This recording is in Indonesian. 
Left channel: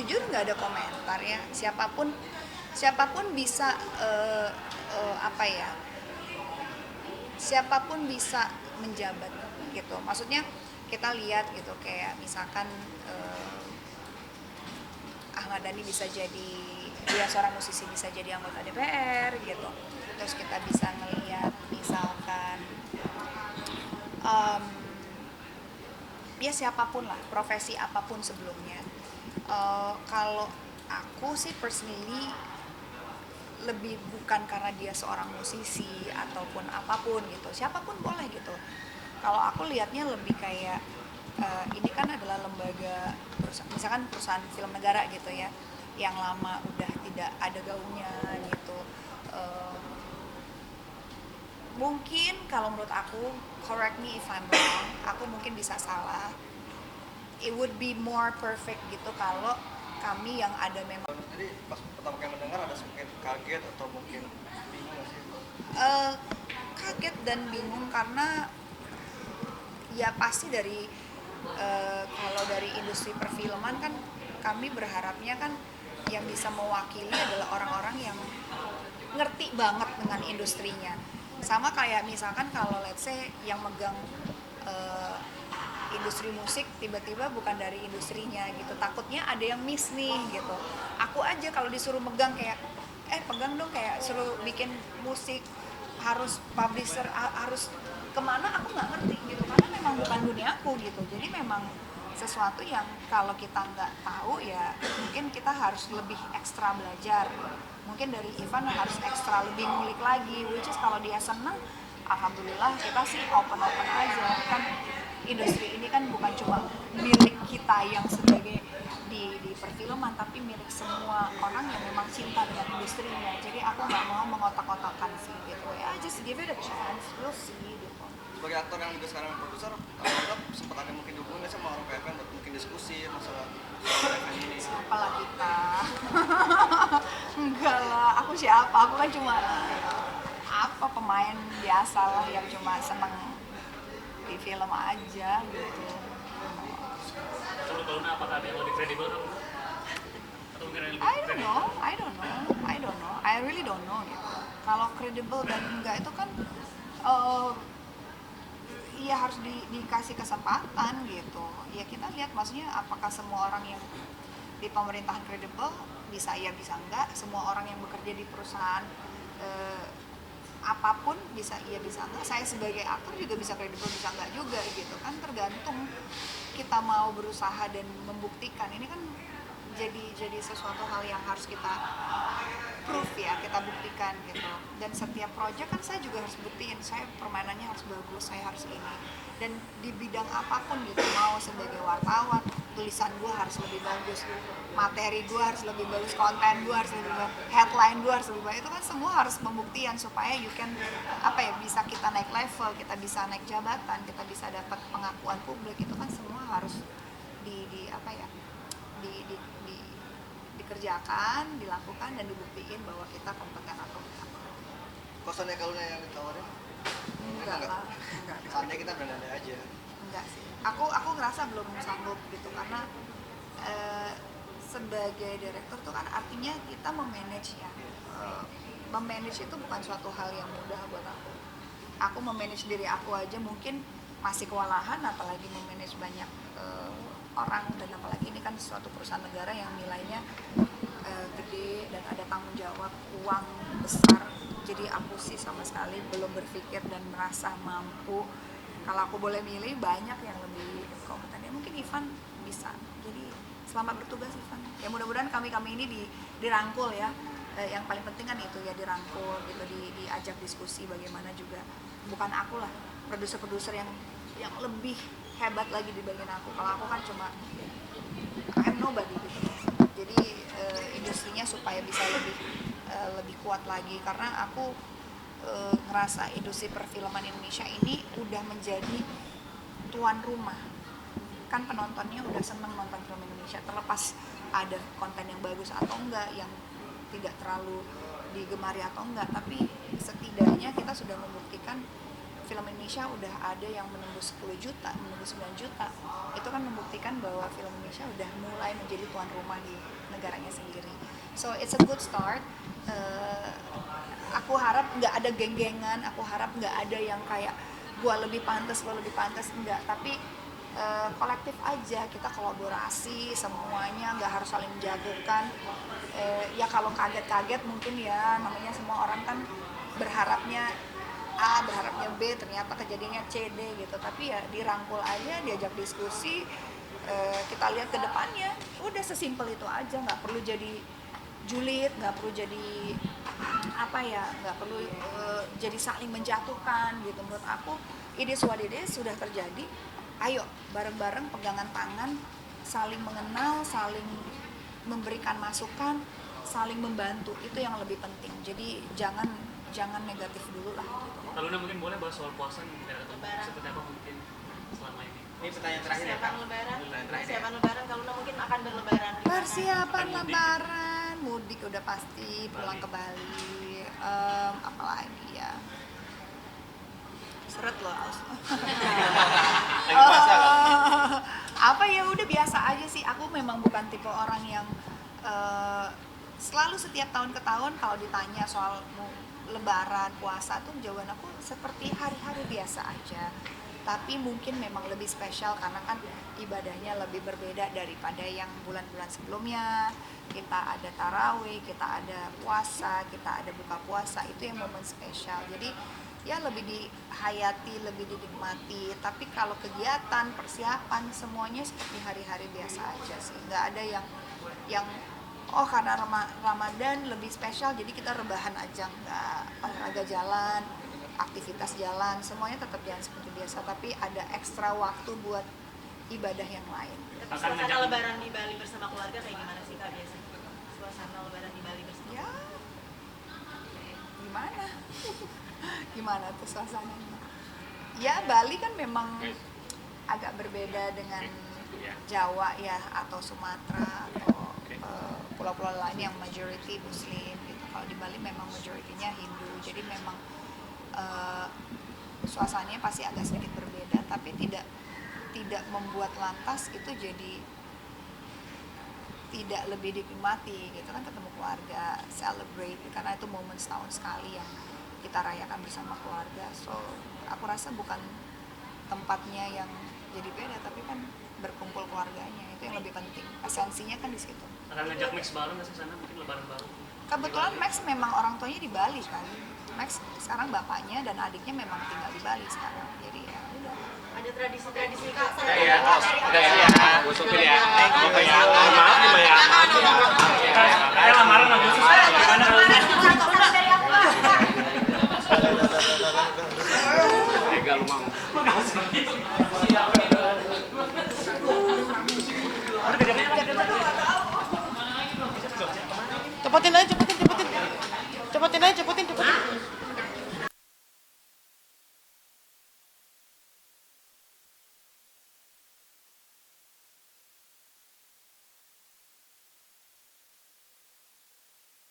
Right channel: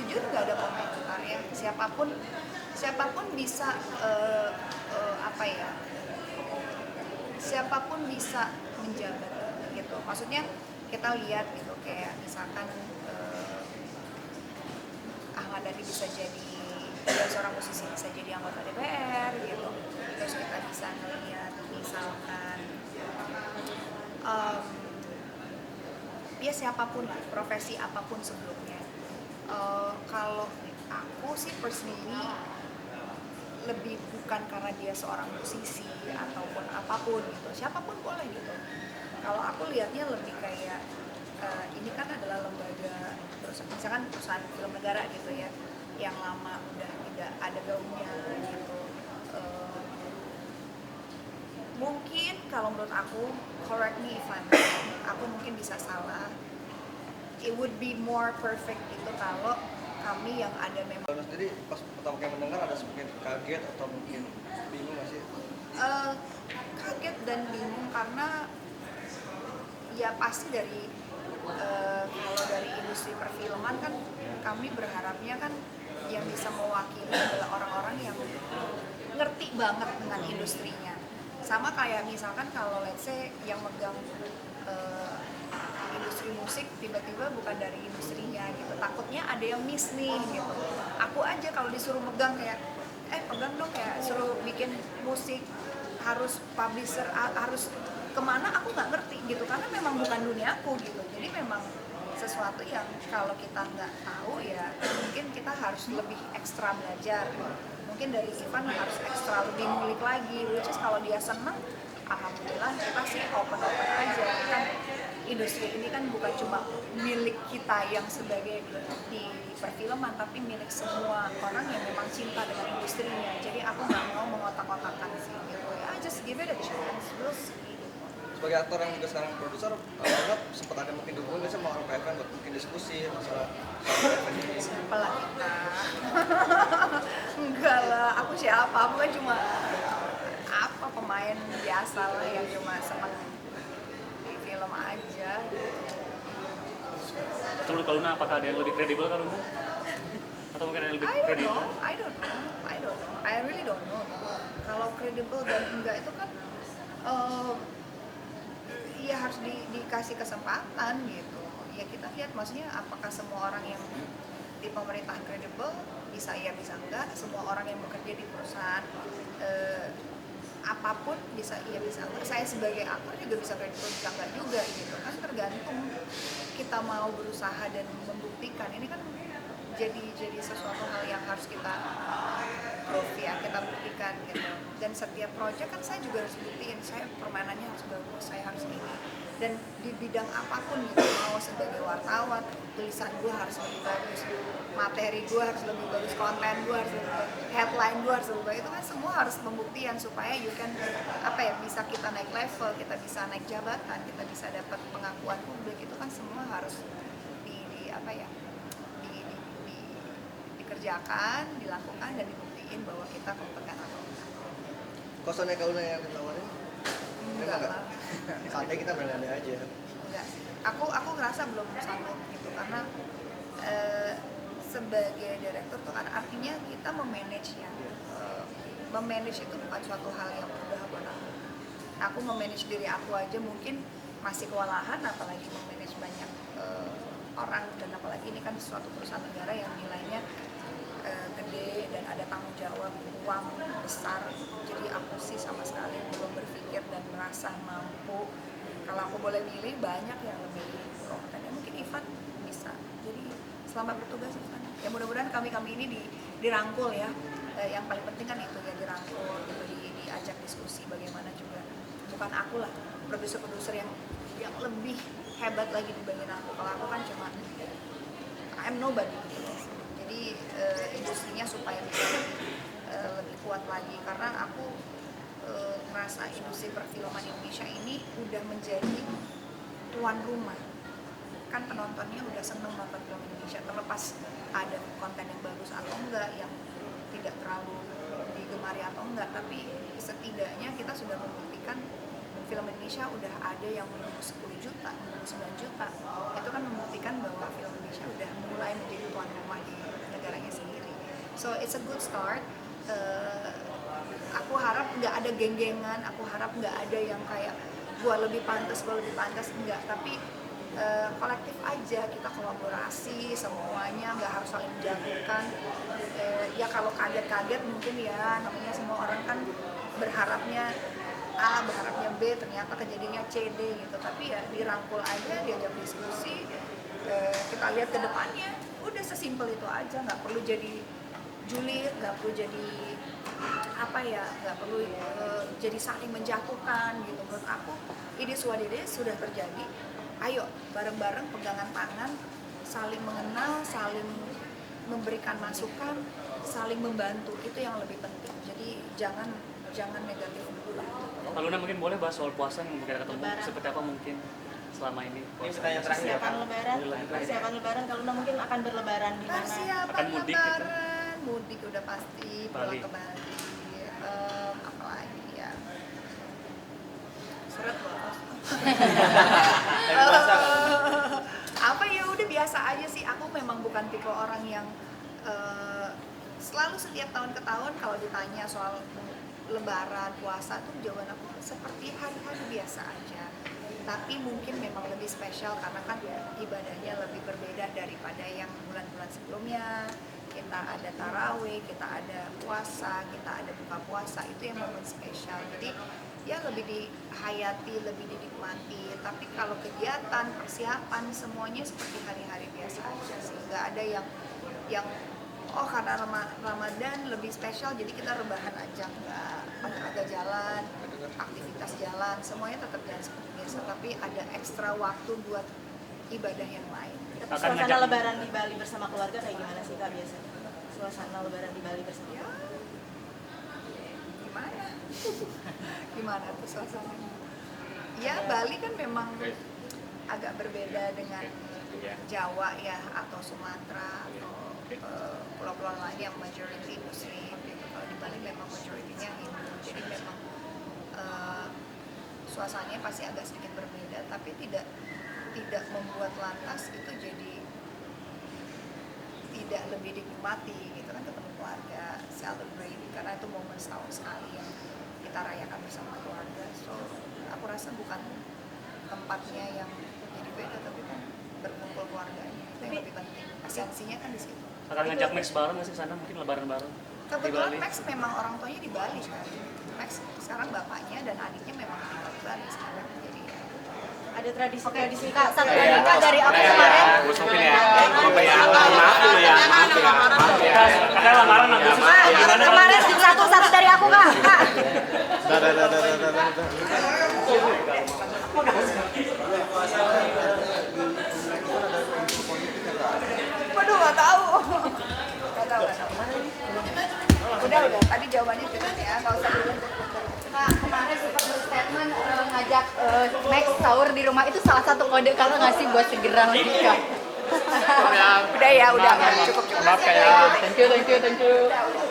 jujur nggak ada komentar ya. Siapapun bisa apa ya, siapapun bisa menjabat gitu. Maksudnya kita lihat gitu, kayak misalkan Ahmad Dhani bisa jadi, dia seorang musisi bisa jadi anggota DPR gitu. Terus kita bisa ngelihat misalkan um, ya siapapun lah, profesi apapun sebelumnya. Kalau aku sih personally lebih bukan karena dia seorang musisi ataupun apapun gitu, siapapun boleh gitu. Kalau aku lihatnya lebih kayak ini kan adalah lembaga misalkan perusahaan film negara gitu ya, yang lama udah tidak ada gaungnya gitu. Eh, Mungkin kalau menurut aku, correct me if I'm wrong, aku mungkin bisa salah. It would be more perfect gitu kalau kami yang ada memang Jadi pas pertama kali mendengar ada mungkin kaget atau mungkin bingung nggak sih? eh, kaget dan bingung karena ya pasti dari kalau dari industri perfilman kan kami berharapnya kan yang bisa mewakili adalah orang-orang yang ngerti banget dengan industrinya. Sama kayak misalkan kalau let's say yang megang eh, industri musik tiba-tiba bukan dari industrinya gitu, takutnya ada yang miss nih gitu. Aku aja kalau disuruh megang kayak pegang dong, kayak suruh bikin musik harus publisher harus kemana, aku nggak ngerti gitu karena memang bukan dunia aku gitu. Jadi memang sesuatu yang kalau kita nggak tahu ya mungkin kita harus lebih ekstra belajar. Mungkin dari Ivan harus ekstra lebih ngulik lagi, which is kalau dia senang alhamdulillah kita sih open aja kan. Industri ini kan bukan cuma milik kita yang sebagai di perfilman, tapi milik semua orang yang memang cinta dengan industrinya. Jadi aku nggak mau mengotak-otakan sih gitu ya, just give it a chance, we'll see gitu. Sebagai aktor yang juga sekarang produser, Anda sempat ada mungkin dihubungin nggak sama orang PFN buat mungkin diskusi masalah PFN ini? Apalah kita. Enggak lah, aku siapa, aku kan cuma apa, pemain biasa lah yang cuma seneng di film aja. Menurut Kak Luna apakah ada yang lebih kredibel Kak Luna? Atau mungkin yang lebih I don't kredibel? know, I really don't know gitu. Kalau credible dan enggak itu kan ya harus dikasih kesempatan gitu. Ya kita lihat maksudnya apakah semua orang yang di pemerintahan kredibel, bisa ya bisa enggak. Semua orang yang bekerja di perusahaan apapun bisa iya bisa enggak. Saya sebagai aktor juga bisa kredibel bisa enggak juga gitu kan, tergantung kita mau berusaha dan membuktikan. Ini kan jadi sesuatu hal yang harus kita proof ya, kita buktikan gitu. Dan setiap project kan saya juga harus buktiin, saya permainannya harus bagus, saya harus ini. Dan di bidang apapun gitu, mau sebagai wartawan, tulisan gue harus lebih bagus, materi gue harus lebih bagus, konten gue harus lebih bagus, headline gue harus lebih bagus. Itu kan semua harus pembuktian supaya you can apa ya, bisa kita naik level, kita bisa naik jabatan, kita bisa dapat pengakuan publik. Itu kan semua harus di apa ya, dikerjakan, dilakukan dan dibuktiin bahwa kita kompeten atau enggak. Kosannya kalau yang ditawarin, enggak. Seandainya kita beranda aja. Enggak sih. Aku ngerasa belum sanggup gitu karena sebagai direktur tuh kan artinya kita memanage ya. Memanage itu bukan suatu hal yang mudah buat aku. Aku memanage diri aku aja mungkin masih kewalahan, apalagi memanage banyak orang, dan apalagi ini kan suatu perusahaan negara yang nilainya gede dan ada tanggung jawab uang besar. Jadi aku sih sama sekali belum berpikir dan merasa mampu. Kalau aku boleh milih, banyak yang lebih kompeten ya, mungkin Ivan bisa. Jadi selamat bertugas Ivan ya, mudah-mudahan kami ini dirangkul ya. Yang paling penting kan itu ya, dirangkul gitu, diajak diskusi bagaimana juga. Bukan aku lah, produser-produser yang lebih hebat lagi dibanding aku. Kalau aku kan cuma I'm nobody gitu. Jadi industrinya supaya bisa lebih kuat lagi, karena aku ngerasa industri perfilman Indonesia ini udah menjadi tuan rumah. Kan penontonnya udah seneng nonton film Indonesia, terlepas ada konten yang bagus atau enggak, yang tidak terlalu digemari atau enggak, tapi setidaknya kita sudah membuktikan film Indonesia udah ada yang menembus 10 juta, menembus 9 juta. Itu kan membuktikan bahwa film Indonesia udah mulai menjadi tuan rumah di So it's a good start. Aku harap nggak ada geng-gengan, aku harap nggak ada yang kayak gua lebih pantas, enggak. Tapi kolektif aja, kita kolaborasi semuanya, nggak harus saling menjatuhkan. Ya kalau kaget-kaget mungkin ya, namanya semua orang kan berharapnya A, berharapnya B, ternyata kejadiannya C, D gitu. Tapi ya dirangkul aja, diajak diskusi, kita lihat ke depannya. Udah sesimpel itu aja, nggak perlu jadi julid, nggak perlu jadi nggak perlu jadi saling menjatuhkan gitu. Menurut aku ini sudah terjadi. Ayo bareng-bareng pegangan tangan, saling mengenal, saling memberikan masukan, saling membantu, itu yang lebih penting. Jadi jangan negatif dulu lah. Kalau Luna mungkin boleh bahas soal puasa yang mungkin ketemu seperti apa mungkin selama ini. Ini pertanyaan terakhir ya Kak. Persiapan lebaran kalau Luna mungkin akan berlebaran di mana? Persiapan Akan mudik. lebaran, mudik udah pasti, pulang Bali. ke Bali. Apalagi ya, seret loh. Apa ya udah biasa aja sih. Aku memang bukan tipe orang yang selalu setiap tahun ke tahun kalau ditanya soal lebaran, puasa tuh jawaban aku seperti hari-hari biasa aja. Tapi mungkin memang lebih spesial karena kan ibadahnya lebih berbeda daripada yang bulan-bulan sebelumnya. Kita ada tarawih, kita ada puasa, kita ada buka puasa, itu yang momen spesial. Jadi ya lebih dihayati, lebih dinikmati. Tapi kalau kegiatan, persiapan semuanya seperti hari-hari biasa aja sih. Nggak ada yang oh karena Ramadan lebih spesial jadi kita rebahan aja. Nggak, olahraga jalan, aktivitas jalan, semuanya tetap jalan seperti biasa. Tapi ada ekstra waktu buat ibadah yang lain. Akan Suasana ngajak lebaran di Bali bersama keluarga kayak gimana sih Kak biasanya? Suasana lebaran di Bali bersama. Ya, gimana? Gimana tuh suasananya? Ya Bali kan memang agak berbeda dengan Jawa ya, atau Sumatera atau pulau-pulau lain yang majority Muslim gitu. Kalau di Bali memang majoritinya Hindu, jadi memang suasananya pasti agak sedikit berbeda, tapi tidak membuat lantas itu jadi tidak lebih dinikmati gitu kan, ketemu keluarga, celebrate, karena itu momen setahun sekali yang kita rayakan bersama keluarga. So aku rasa bukan tempatnya yang jadi beda, tapi kan berkumpul keluarganya itu yang lebih penting, esensinya kan di situ. akan ngajak Max bareng nggak sih sana, mungkin lebaran bareng? Kebetulan Max memang orang tuanya di Bali kan. Max sekarang bapaknya dan adiknya memang tinggal di Bali sekarang. Jadi ya Ada tradisi Kak dari apa? Saya lamaran aku. Satu dari aku Kak. Waduh nggak tahu. Cepetin aja, Udah. Tadi jawabannya. cepetin aja, cepetin. Nah, kemarin sempat berstatement ngajak Max sahur di rumah, itu salah satu kode kakak nggak sih buat segera menikah? Udah ya, udah. Cukup. Maaf kayak. Thank you.